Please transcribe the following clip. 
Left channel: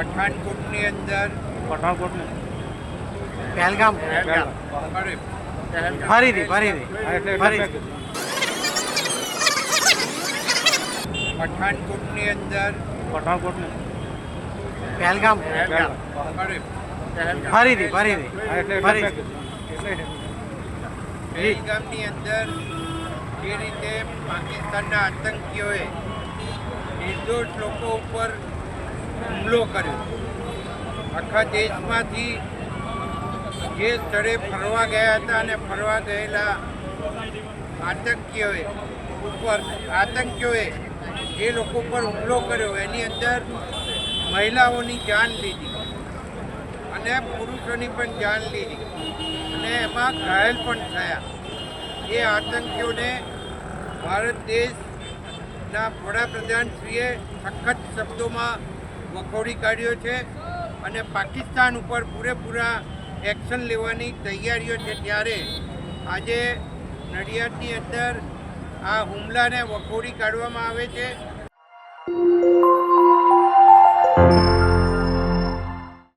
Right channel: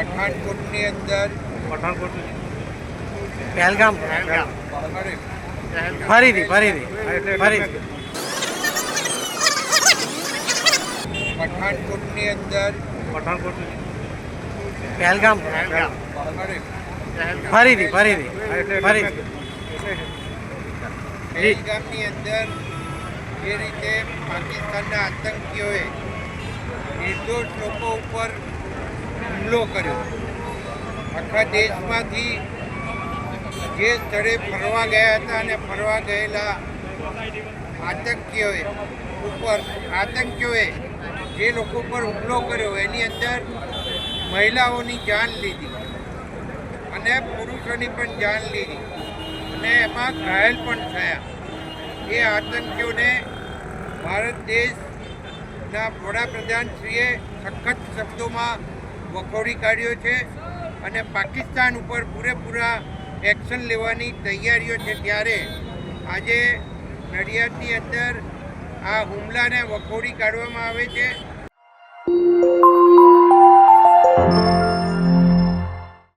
પઠાણકોટની અંદર પહેલગામ ફરીથી પઠાણકોટની અંદર પહેલગામ ફરીથી પહેલગામની અંદર જે રીતે પાકિસ્તાનના આતંકીઓએ નિર્દોષ લોકો ઉપર હુમલો કર્યો, આખા દેશમાંથી જે સ્થળે ફરવા ગયા હતા અને ફરવા ગયેલા આતંકીઓએ જે લોકો પર હુમલો કર્યો એની અંદર મહિલાઓની જાન લીધી અને પુરુષોની પણ જાન લીધી અને એમાં ઘાયલ પણ થયા. એ આતંકીઓને ભારત દેશના વડાપ્રધાનશ્રીએ સખત શબ્દોમાં વખોડી કાઢ્યો છે અને પાકિસ્તાન ઉપર પૂરેપૂરા એક્શન લેવાની તૈયારીઓ છે. ત્યારે આજે નડિયાદની અંદર આ હુમલાને વખોડી કાઢવામાં આવે છે.